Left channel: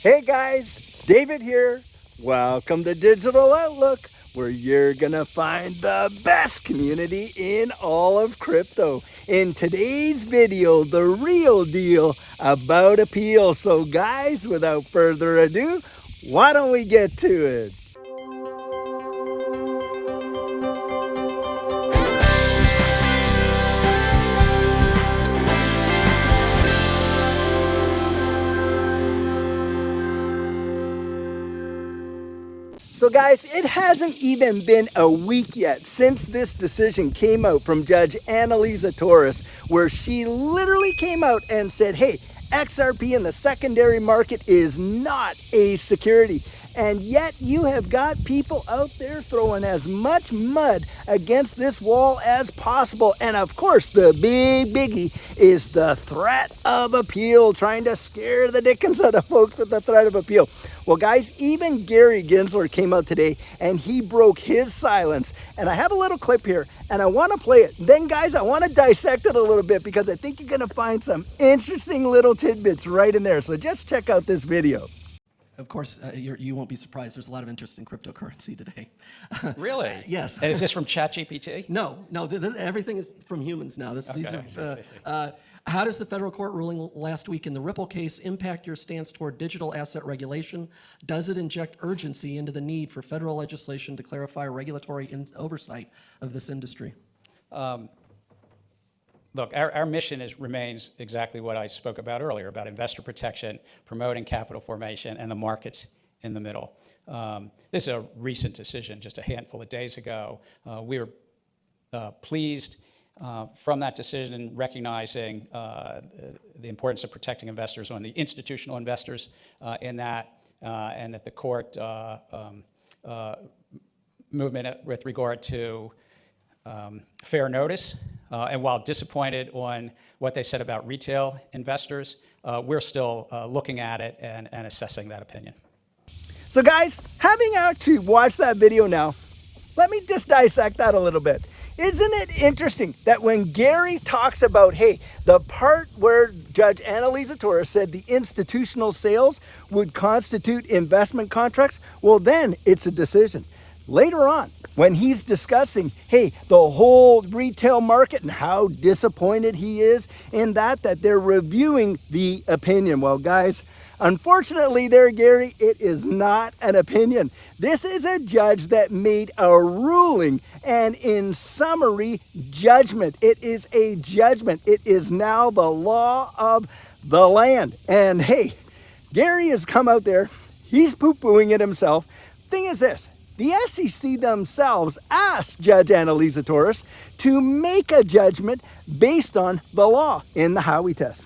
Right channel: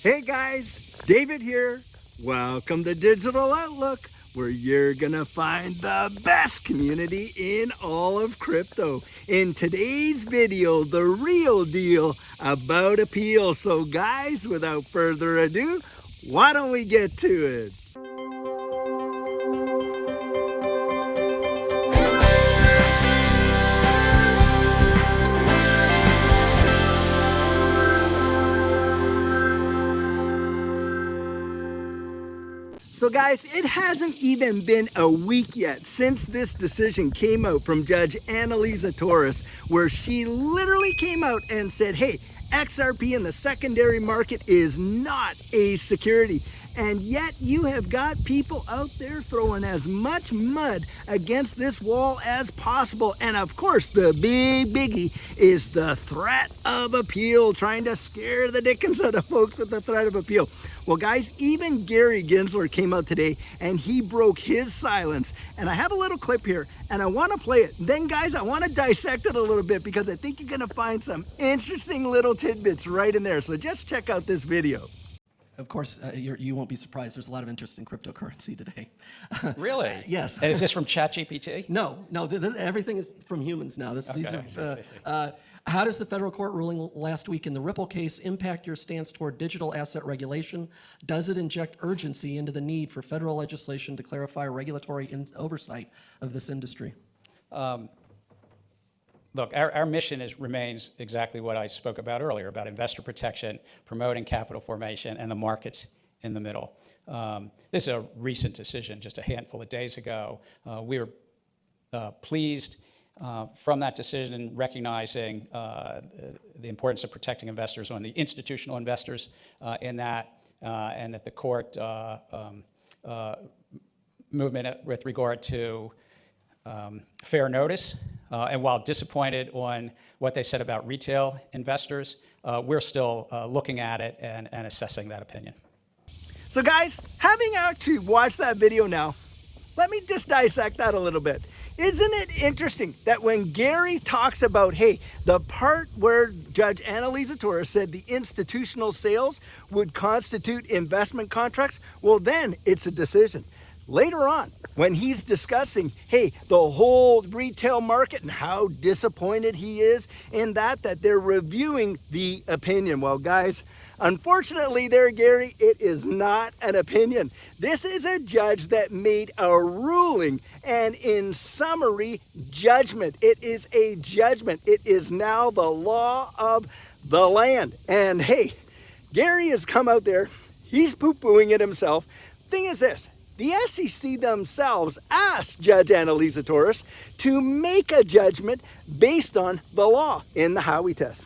Hey guys, David here. Welcome to Digital Outlook, where you're gonna find the best community in all of crypto. In today's video, the real deal about appeal. So guys, without further ado, why don't we get to it? So guys, it hasn't even been a week yet since this decision came out from Judge Annalisa Torres, where she literally came out and said, hey, XRP in the secondary market is not a security. And yet you have got people out there throwing as much mud against this wall as possible. And of course, the big biggie is the threat of appeal, trying to scare the dickens out of folks with the threat of appeal. Well, guys, even Gary Gensler came out today and he broke his silence. And I have a little clip here and I want to play it. Then, guys, I want to dissect it a little bit because I think you're going to find some interesting little tidbits right in there. So just check out this video. Of course, you won't be surprised. There's a lot of interest in cryptocurrency today. Really? Yes. And is this from ChatGPT? No, everything is from humans now. How does the federal court ruling last week in the Ripple case impact your stance toward digital asset regulation? Does it inject urgency into the need for federal legislation to clarify regulatory oversight of this industry? Look, our mission remains exactly what I spoke about earlier, about investor protection, promoting capital formation, and the markets in the middle. This is a recent decision, just a handful of days ago. We were pleased from that decision, recognizing the importance of protecting investors on the institutional investors in that, and that the court movement with regard to fair notice. And while disappointed on what they said about retail investors, we're still looking at it and assessing that opinion. So guys, having actually watched that video now, let me just dissect that a little bit. Isn't it interesting that when Gary talks about, hey, the part where Judge Annalisa Torres said the institutional sales would constitute investment contracts, well then it's a decision. Later on, when he's discussing, hey, the whole retail market and how disappointed he is in that they're reviewing the opinion. Well, guys, unfortunately there, Gary, it is not an opinion. This is a judge that made a ruling, and in summary, judgment. It is a judgment. It is now the law of the land. And hey, Gary has come out there. He's poo-pooing it himself. Thing is this. The SEC themselves asked Judge Annalisa Torres to make a judgment based on the law in the Howey test.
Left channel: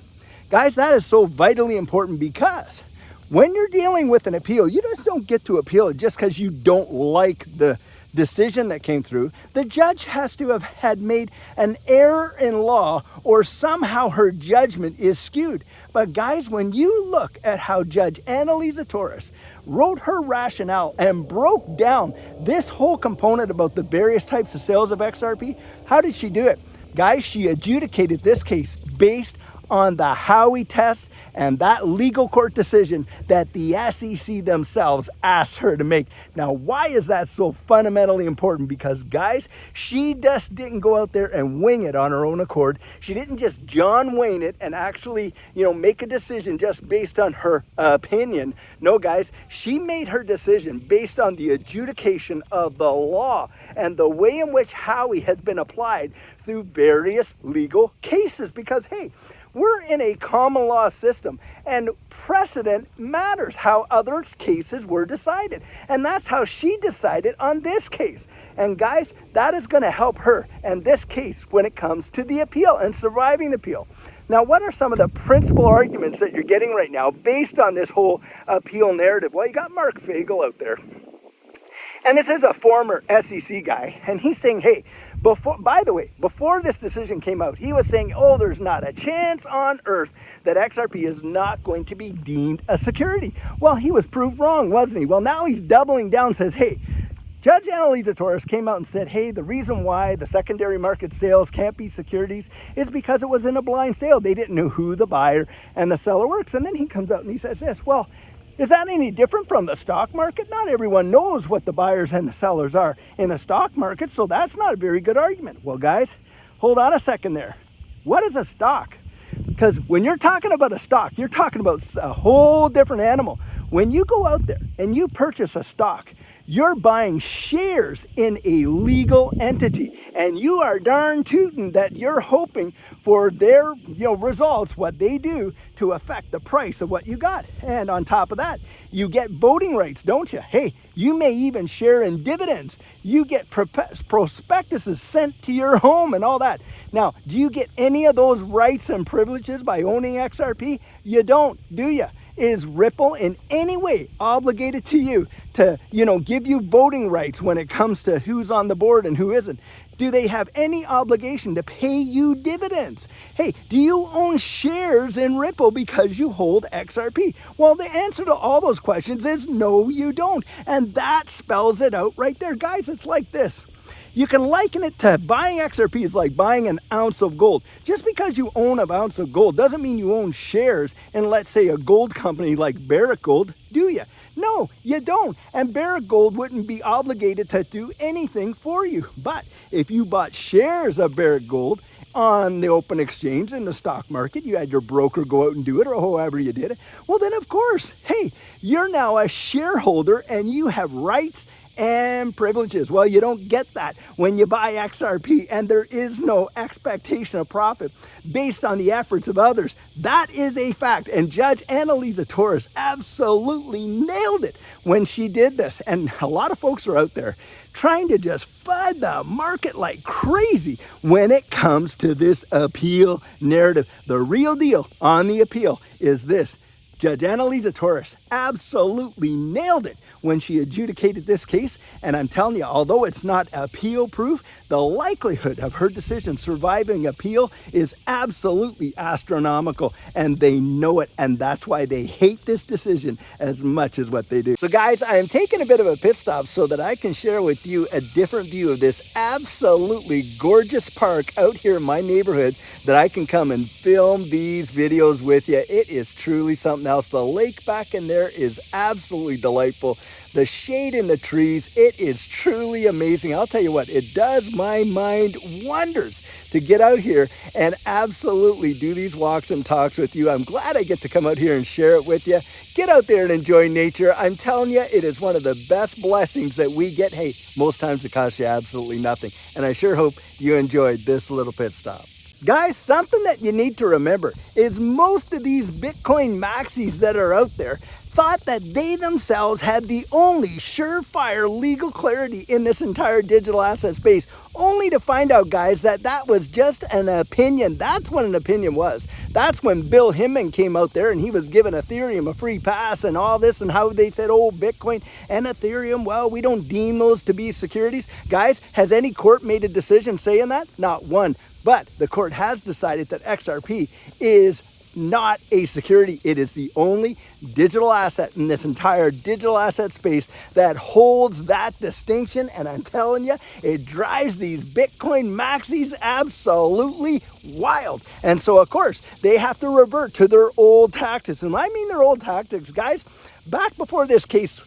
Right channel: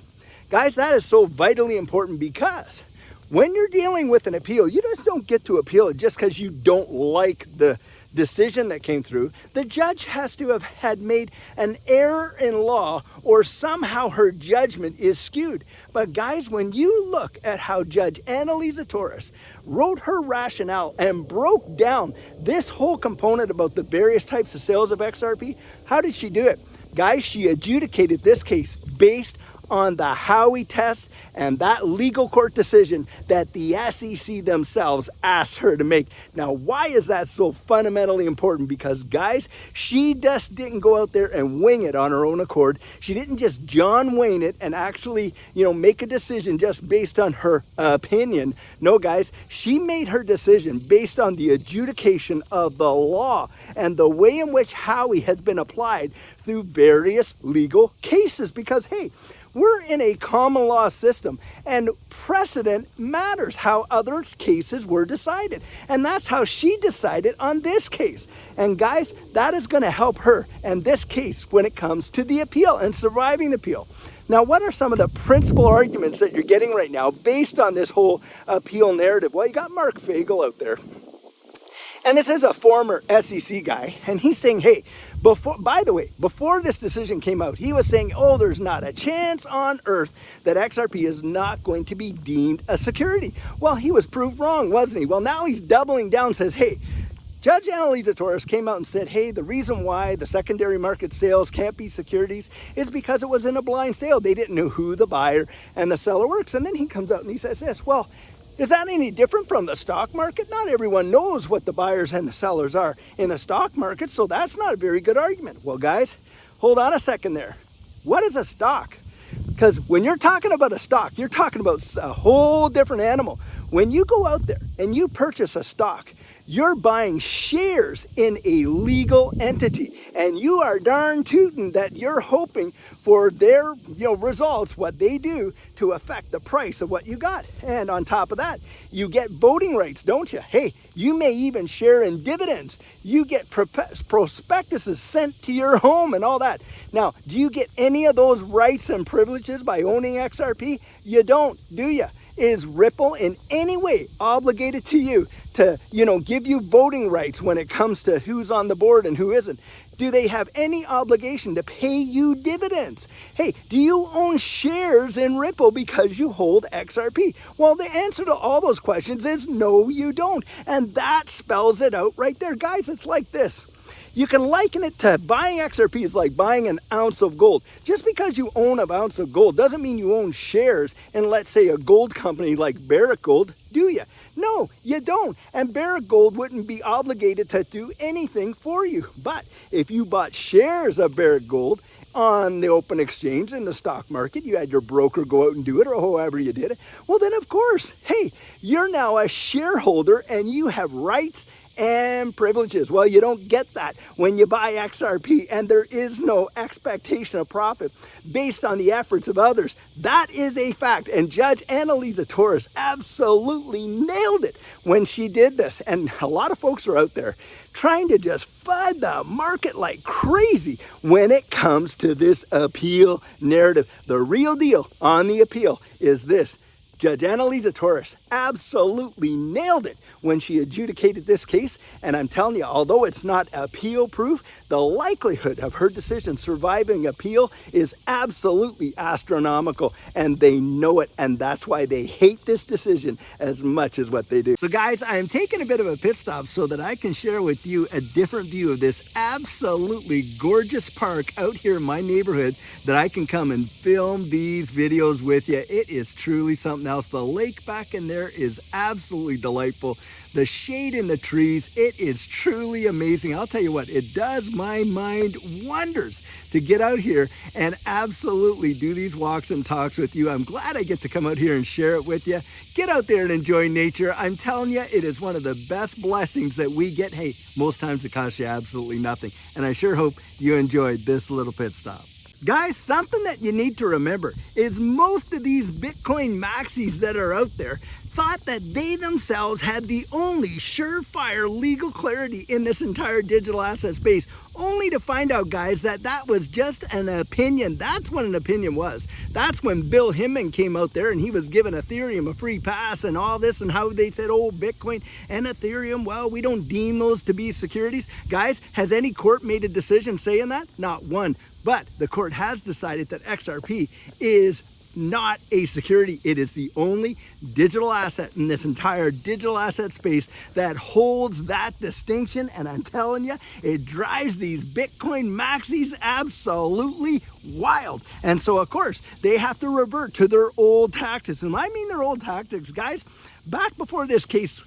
Guys, that is so vitally important because when you're dealing with an appeal, you just don't get to appeal it just because you don't like the decision that came through. The judge has to have had made an error in law, or somehow her judgment is skewed. But guys, when you look at how Judge Annalisa Torres wrote her rationale and broke down this whole component about the various types of sales of XRP, how did she do it? Guys, she adjudicated this case based on the Howey test and that legal court decision that the SEC themselves asked her to make. Now, why is that so fundamentally important? Because, guys, she just didn't go out there and wing it on her own accord. She didn't just John Wayne it and actually, make a decision just based on her opinion. No, guys, she made her decision based on the adjudication of the law and the way in which Howey has been applied through various legal cases. Because, hey, we're in a common law system, and precedent matters, how other cases were decided. And that's how she decided on this case. And guys, that is going to help her in this case when it comes to the appeal and surviving the appeal. Now, what are some of the principal arguments that you're getting right now based on this whole appeal narrative? Well, you got Mark Fagel out there. And this is a former SEC guy, and he's saying, hey, before this decision came out, he was saying, oh, there's not a chance on earth that XRP is not going to be deemed a security. Well, he was proved wrong, wasn't he? Well, now he's doubling down and says, hey, Judge Annalisa Torres came out and said, hey, the reason why the secondary market sales can't be securities is because it was in a blind sale. They didn't know who the buyer and the seller works. And then he comes out and he says this, well, Is that any different from the stock market? Not everyone knows what the buyers and the sellers are in the stock market, so that's not a very good argument. Well, guys, hold on a second there. What is a stock? Because when you're talking about a stock, you're talking about a whole different animal. When you go out there and you purchase a stock, you're buying shares in a legal entity, and you are darn tootin' that you're hoping for their results, what they do to affect the price of what you got. And on top of that, you get voting rights, don't you? Hey, you may even share in dividends. You get prospectuses sent to your home and all that. Now, do you get any of those rights and privileges by owning XRP? You don't, do you? Is Ripple in any way obligated to you to, give you voting rights when it comes to who's on the board and who isn't? Do they have any obligation to pay you dividends? Hey, do you own shares in Ripple because you hold XRP? Well, the answer to all those questions is no, you don't. And that spells it out right there. Guys, it's like this. You can liken it to buying XRP is like buying an ounce of gold. Just because you own an ounce of gold doesn't mean you own shares in, let's say, a gold company like Barrick Gold, do you? No, you don't. And Barrick Gold wouldn't be obligated to do anything for you. But if you bought shares of Barrick Gold on the open exchange in the stock market, you had your broker go out and do it, or however you did it, well then of course, hey, you're now a shareholder and you have rights and privileges. Well, you don't get that when you buy XRP, and there is no expectation of profit based on the efforts of others. That is a fact, and Judge Annalisa Torres absolutely nailed it when she did this. And a lot of folks are out there trying to just FUD the market like crazy when it comes to this appeal narrative. The real deal on the appeal is this: Judge Annalisa Torres absolutely nailed it when she adjudicated this case. And I'm telling you, although it's not appeal proof, the likelihood of her decision surviving appeal is absolutely astronomical, and they know it, and that's why they hate this decision as much as what they do. So guys, I am taking a bit of a pit stop so that I can share with you a different view of this absolutely gorgeous park out here in my neighborhood, that I can come and film these videos with you. It is truly something else. The lake back in there is absolutely delightful. The shade in the trees, it is truly amazing. I'll tell you what, it does my mind wonders to get out here and absolutely do these walks and talks with you. I'm glad I get to come out here and share it with you. Get out there and enjoy nature. I'm telling you, it is one of the best blessings that we get. Hey, most times it costs you absolutely nothing. And I sure hope you enjoyed this little pit stop. Guys, something that you need to remember is most of these Bitcoin maxis that are out there thought that they themselves had the only surefire legal clarity in this entire digital asset space, only to find out, guys, that that was just an opinion. That's what an opinion was. That's when Bill Hinman came out there and he was giving Ethereum a free pass and all this, and how they said, oh, Bitcoin and Ethereum, well, we don't deem those to be securities. Guys, has any court made a decision saying that? Not one. But the court has decided that XRP is not a security. It is the only digital asset in this entire digital asset space that holds that distinction. And I'm telling you, it drives these Bitcoin maxis absolutely wild. And so, of course, they have to revert to their old tactics. And I mean their old tactics, guys. Back before this case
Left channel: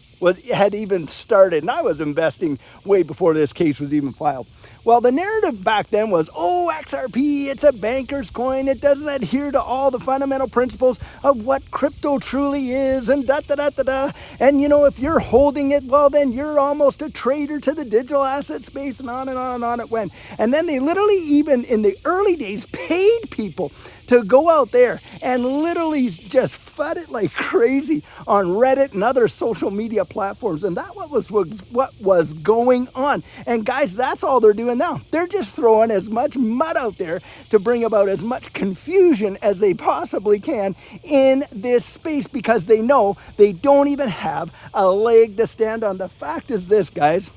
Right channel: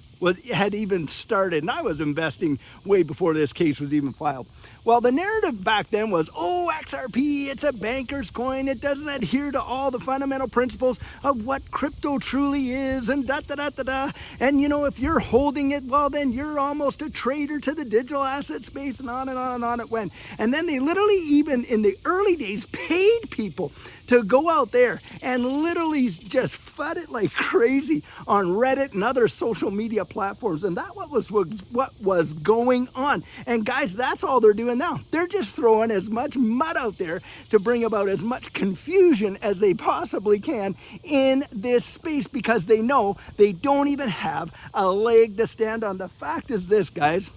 had even started, and I was investing way before this case was even filed. Well, the narrative back then was, oh, XRP, it's a banker's coin. It doesn't adhere to all the fundamental principles of what crypto truly is, and da-da-da-da-da. And, you know, if you're holding it, well, then you're almost a traitor to the digital asset space, and on and on and on it went. And then they literally, even in the early days, paid people to go out there and literally just FUD it like crazy on Reddit and other social media platforms. And that was what was going on. And guys, that's all they're doing now. They're just throwing as much mud out there to bring about as much confusion as they possibly can in this space, because they know they don't even have a leg to stand on. The fact is this, guys.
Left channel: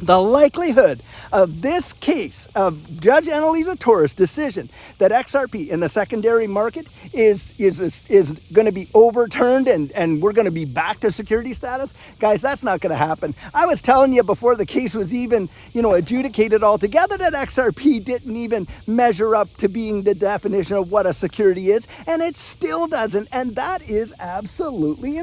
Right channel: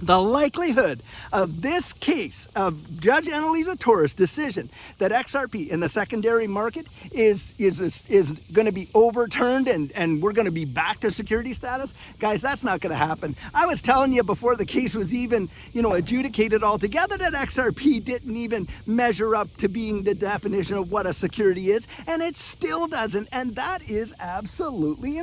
the likelihood of this case of Judge Annalisa Torres' decision that XRP in the secondary market is going to be overturned and we're going to be back to security status, guys, that's not going to happen. I was telling you before the case was even, adjudicated altogether that XRP didn't even measure up to being the definition of what a security is, and it still doesn't, and that is absolutely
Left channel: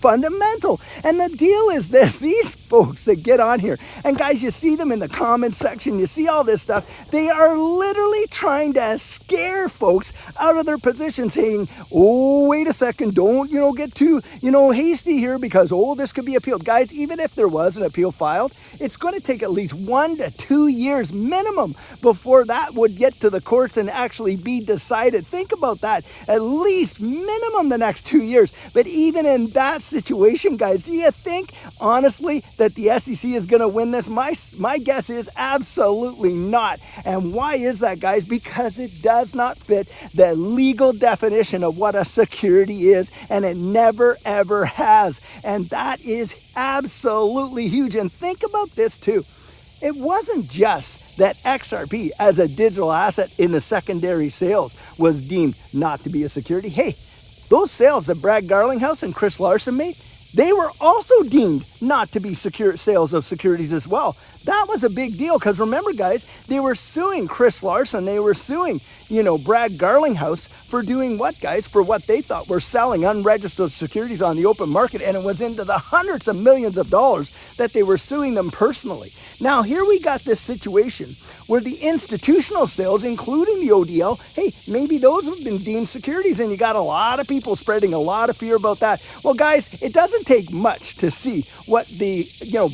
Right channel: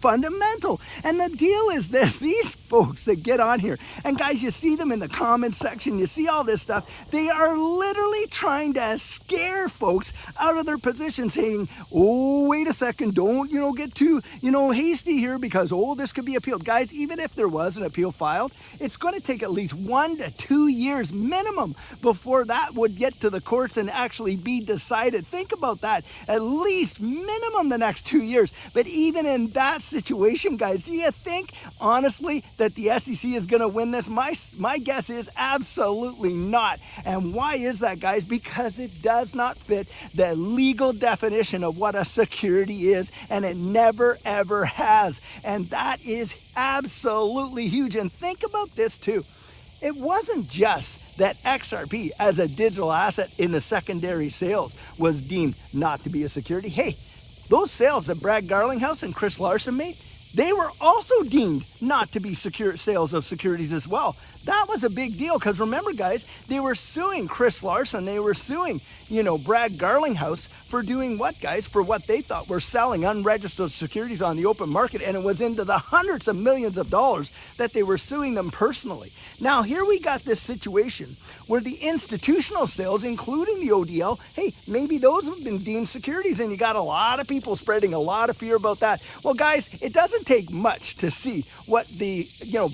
fundamental. And the deal is this: these folks that get on here, and guys, you see them in the comments section, you see all this stuff, they are literally trying to scare folks out of their position, saying, oh, wait a second, don't, get too, hasty here because, this could be appealed. Guys, even if there was an appeal filed, it's going to take at least 1 to 2 years minimum before that would get to the courts and actually be decided. Think about that. At least minimum the next 2 years. But even in that situation, guys, do you think, honestly, that the SEC is going to win this? My guess is absolutely not. And why is that, guys? Because it does not fit the legal definition of what a security is, and it never, ever has. And that is absolutely huge. And think about this too. It wasn't just that XRP as a digital asset in the secondary sales was deemed not to be a security. Hey, those sales that Brad Garlinghouse and Chris Larson made, they were also deemed not to be secure sales of securities as well. That was a big deal because remember, guys, they were suing Chris Larson. They were suing, Brad Garlinghouse for doing what, guys? For what they thought were selling unregistered securities on the open market. And it was into the hundreds of millions of dollars that they were suing them personally. Now, here we got this situation where the institutional sales, including the ODL, hey, maybe those have been deemed securities, and you got a lot of people spreading a lot of fear about that. Well, guys, it doesn't take much to see what the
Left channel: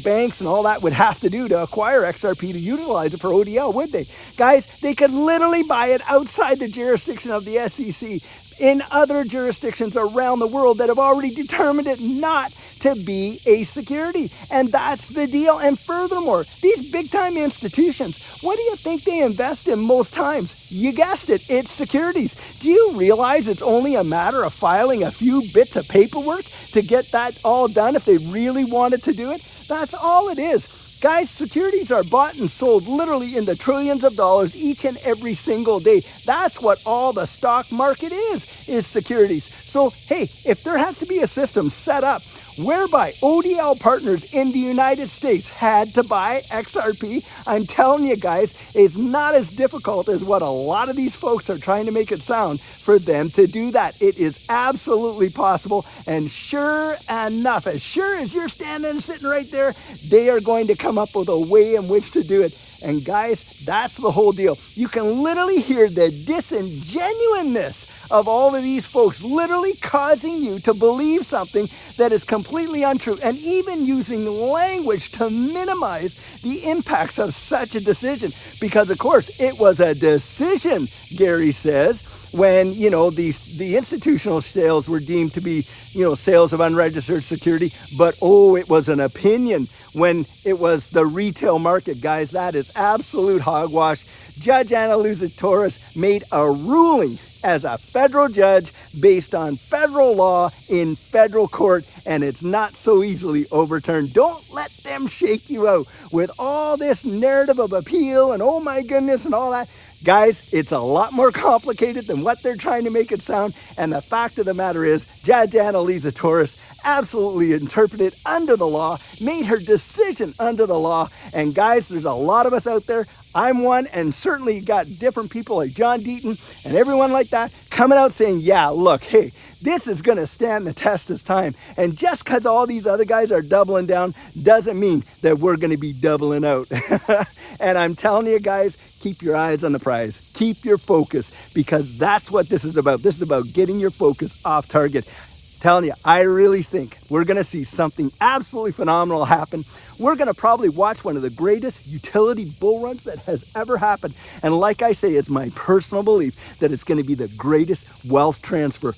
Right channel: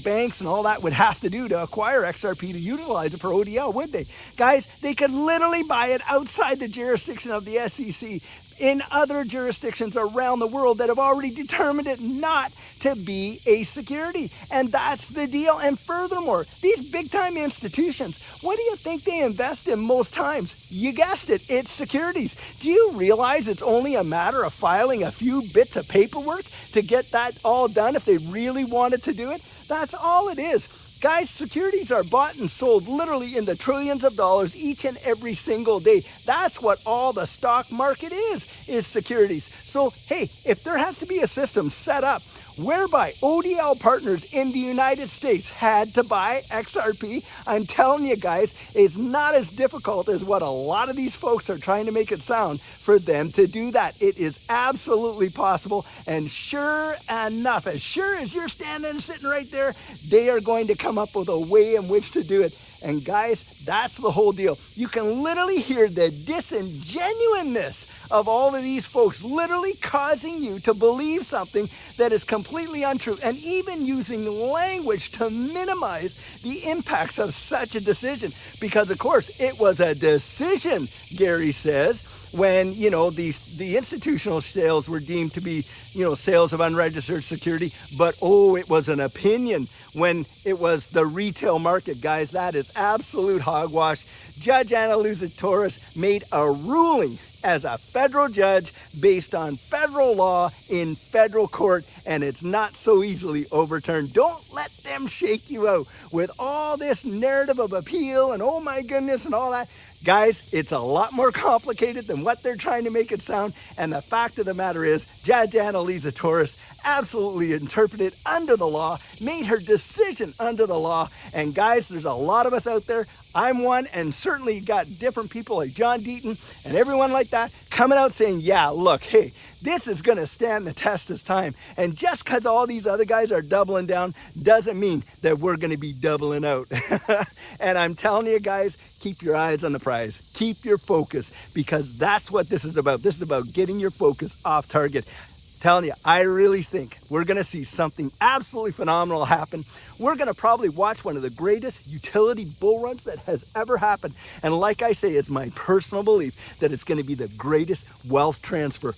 banks and all that would have to do to acquire XRP to utilize it for ODL, would they? Guys, they could literally buy it outside the jurisdiction of the SEC in other jurisdictions around the world that have already determined it not to be a security. And that's the deal. And furthermore, these big time institutions, what do you think they invest in most times? You guessed it, it's securities. Do you realize it's only a matter of filing a few bits of paperwork to get that all done if they really wanted to do it? That's all it is. Guys, securities are bought and sold literally in the trillions of dollars each and every single day. That's what all the stock market is securities. So, hey, if there has to be a system set up whereby ODL partners in the United States had to buy XRP, I'm telling you guys, it's not as difficult as what a lot of these folks are trying to make it sound for them to do that. It is absolutely possible, and sure enough, as sure as you're standing and sitting right there, they are going to come up with a way in which to do it. And guys, that's the whole deal. You can literally hear the disingenuousness of all of these folks literally causing you to believe something that is completely untrue, and even using language to minimize the impacts of such a decision. Because of course, it was a decision, Gary says, when, the institutional sales were deemed to be, sales of unregistered security, but it was an opinion when it was the retail market, guys. That is absolute hogwash. Judge Annalisa Torres made a ruling as a federal judge based on federal law in federal court, and it's not so easily overturned. Don't let them shake you out with all this narrative of appeal and oh my goodness and all that. Guys, it's a lot more complicated than what they're trying to make it sound, and the fact of the matter is, Judge Annalisa Torres absolutely interpreted under the law, made her decision under the law, and guys, there's a lot of us out there. I'm one, and certainly you got different people like John Deaton and everyone like that coming out saying, yeah, look, hey, this is going to stand the test of time. And just because all these other guys are doubling down doesn't mean that we're going to be doubling out. And I'm telling you guys, keep your eyes on the prize. Keep your focus, because that's what this is about. This is about getting your focus off target. Telling you, I really think we're going to see something absolutely phenomenal happen. We're going to probably watch one of the greatest utility bull runs that has ever happened. And like I say, it's my personal belief that it's going to be the greatest wealth transfer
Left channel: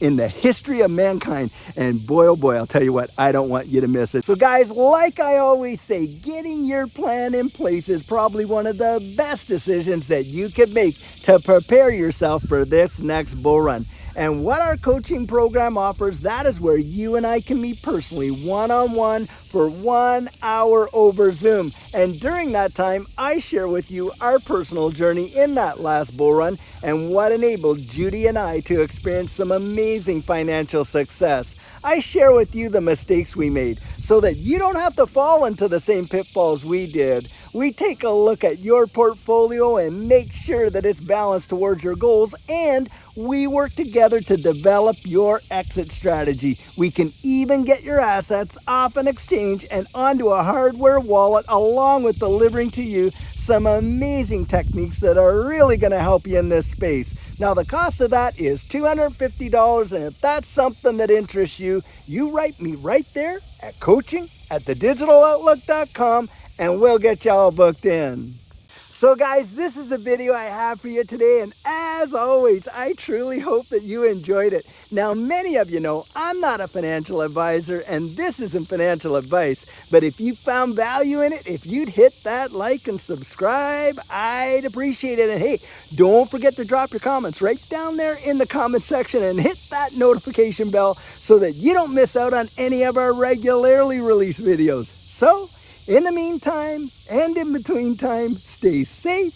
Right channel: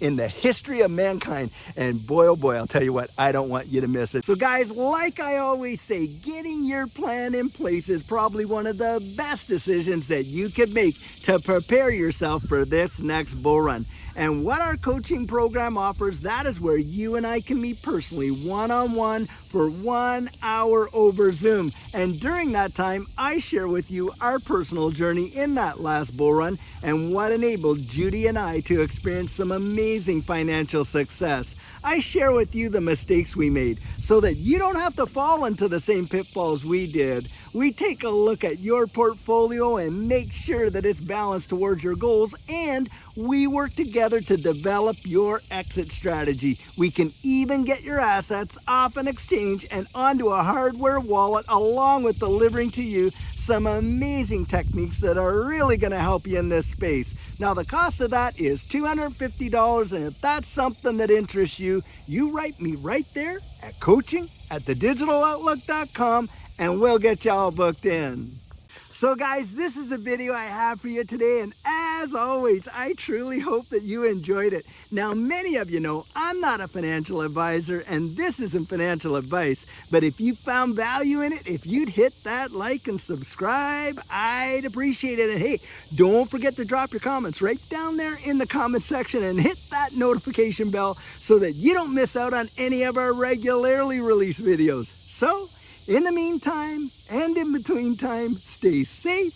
in the history of mankind. And boy, oh boy, I'll tell you what, I don't want you to miss it. So guys, like I always say, getting your plan in place is probably one of the best decisions that you could make to prepare yourself for this next bull run. And what our coaching program offers, that is where you and I can meet personally, one-on-one for 1 hour over Zoom. And during that time, I share with you our personal journey in that last bull run and what enabled Judy and I to experience some amazing financial success. I share with you the mistakes we made so that you don't have to fall into the same pitfalls we did. We take a look at your portfolio and make sure that it's balanced towards your goals, and we work together to develop your exit strategy. We can even get your assets off an exchange and onto a hardware wallet, along with delivering to you some amazing techniques that are really going to help you in this space. Now, the cost of that is $250, and if that's something that interests you, you write me right there at coaching@thedigitaloutlook.com, and we'll get y'all booked in. So guys, this is the video I have for you today, and as always, I truly hope that you enjoyed it. Now, many of you know I'm not a financial advisor, and this isn't financial advice, but if you found value in it, if you'd hit that like and subscribe, I'd appreciate it. And hey, don't forget to drop your comments right down there in the comment section and hit that notification bell so that you don't miss out on any of our regularly released videos. So, in the meantime, and in between time, stay safe,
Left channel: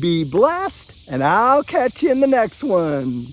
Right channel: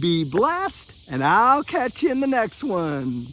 be blessed, and I'll catch you in the next one.